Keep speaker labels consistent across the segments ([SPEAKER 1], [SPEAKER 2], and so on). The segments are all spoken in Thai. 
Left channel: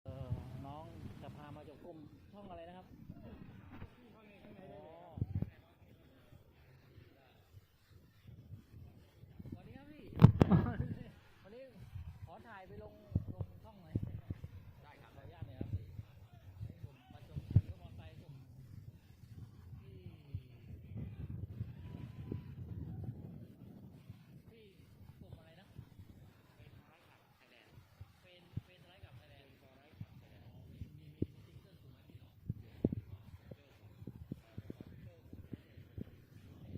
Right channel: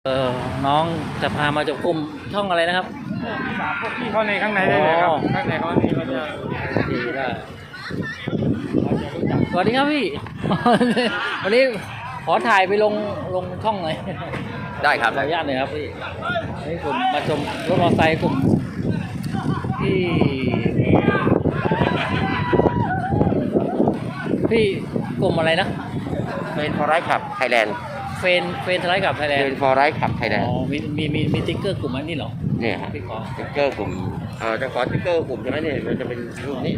[SPEAKER 1] น้องจะพามาจับกลุ่มช่องอะไรนะครับ
[SPEAKER 2] พวกพี่เข้าในข้างในได้เลยครับข้างในเขานี้เขาจะ
[SPEAKER 1] ดีได้สวัสดีครับพี่ วันนี้ขอถ่ายไปลงช่องหน่อย
[SPEAKER 3] ได้ครับ
[SPEAKER 1] ขออนุญาตหน่อยครับพี่นี่ผมมาชมรถมอเตอร์ไซค์กลุ่มพี่กลุ่มอะไรนะ
[SPEAKER 3] เฟนฟอร์ไรท์ขับไทยแลนด์
[SPEAKER 1] เฟนทไลท์กับไทยแลนด์
[SPEAKER 3] เฟนฟอร์ไรท์ขับไทยแลนด์
[SPEAKER 1] อ๋อมีติ๊กเกอร์กลุ่มอันนี้เหรอ
[SPEAKER 3] เนี่ย
[SPEAKER 1] พี่ขอ
[SPEAKER 3] ติ๊กเกอร์กลุ่มจะขอติ๊กเกอร์กลุ่มใช่ไหมเนี่ยมันจะเป็นรูปนี้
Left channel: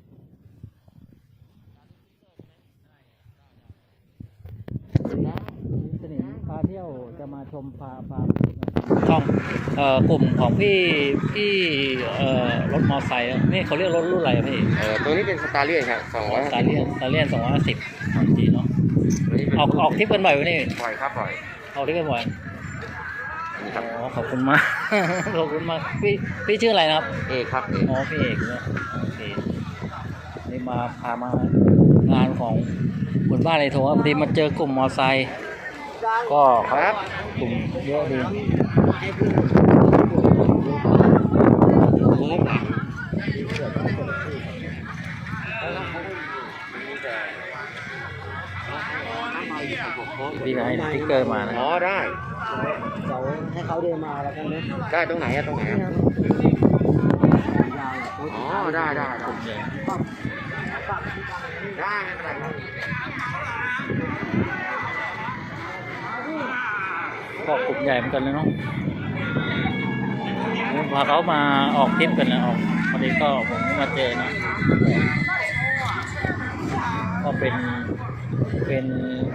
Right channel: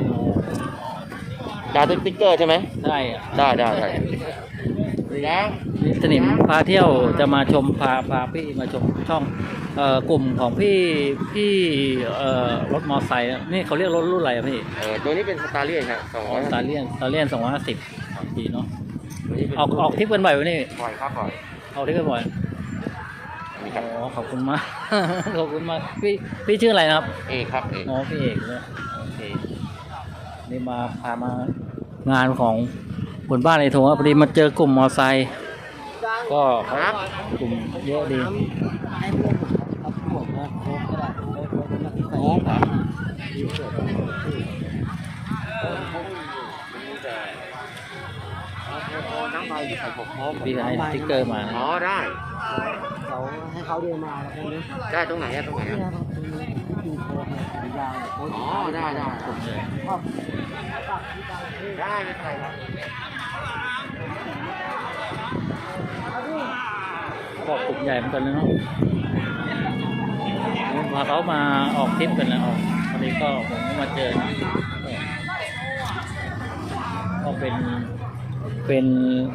[SPEAKER 3] ดาวติ๊กเกอร์ใช่ไหม
[SPEAKER 1] ได้
[SPEAKER 3] ได้
[SPEAKER 1] นะสนิมพาเที่ยวจะมาชมพาพี่มาชมช่องกลุ่มของพี่รถมอเตอร์ไซค์นี่เขาเรียกรถรุ่นอะไรพี่
[SPEAKER 3] ตัวนี้เป็นสตาร์เลียนครับ
[SPEAKER 1] สตาร์เลียน250ดีเนาะออกทริปกันบ่อยวันนี้
[SPEAKER 3] บ่อยครับบ่อย
[SPEAKER 1] ออกทริปกันบ่อยขอบคุณมาก ขอบคุณมากพี่ชื่ออะไรนะครับ
[SPEAKER 3] เอกครับ
[SPEAKER 1] อ๋อพี่เอกเนี่ยโอเคนี่พามางานของคนบ้านในทงพอดีมาเจอกลุ่มมอไซค์ก็
[SPEAKER 3] ครับ
[SPEAKER 1] กลุ่มเยอะดีพี่ให้สติ๊กเกอร์มา
[SPEAKER 3] อ๋อได้
[SPEAKER 2] เขาให้เขาเดินมาแล้วกันนะ
[SPEAKER 3] ได้ตรงไหนตรงไหนอ๋อได้
[SPEAKER 1] กลุ่มใหญ่
[SPEAKER 3] ได้ไม่เป็นไรครับ
[SPEAKER 1] ก็กลุ่มใหญ่เหมือนกันเลยเนาะพาเขามาออกทริปกันนะออกพอดีก็ผมมาเจอนะก็เป็น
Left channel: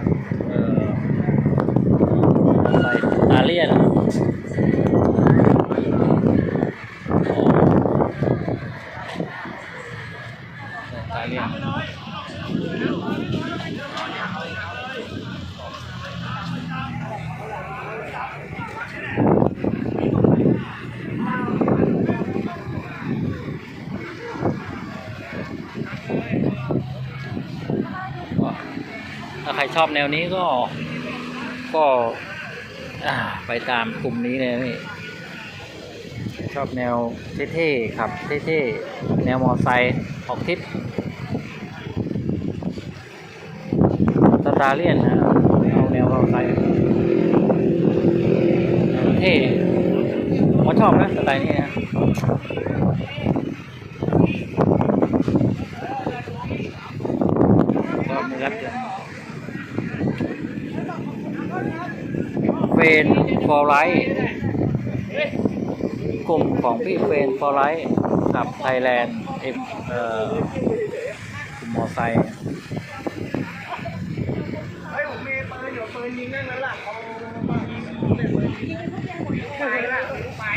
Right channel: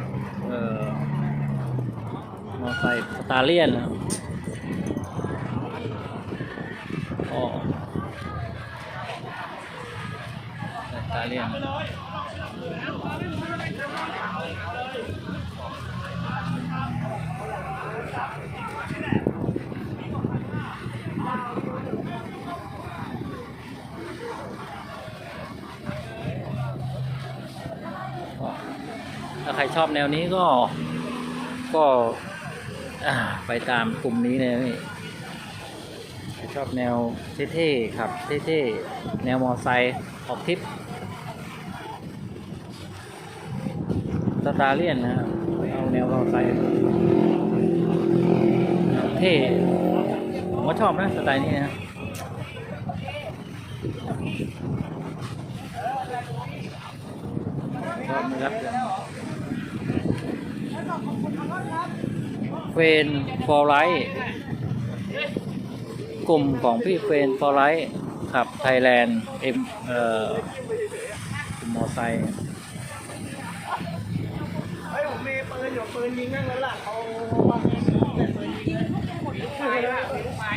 [SPEAKER 1] ใส่ตาเลียนตาเลียนถ้าใครชอบแนวนี้ก็ไปตามกลุ่มนี้เลยนี่ชอบแนวเท่ๆขับเท่ๆแนวมอไซค์ออกทริปสตาร์เลียนนะเอาแนวมอไซค์เท่ผมก็ชอบนะสไตล์นี้นะก็มีรับเฟนฟอร์ไลท์กลุ่มของพี่เฟนฟอร์ไลท์กับไทยแลนด์กลุ่มมอไซค์
[SPEAKER 2] ผมมีปืนอยู่ปืนยิงนั่งนั้นหลังเขาเสร็จปืนยิงใครล่ะไป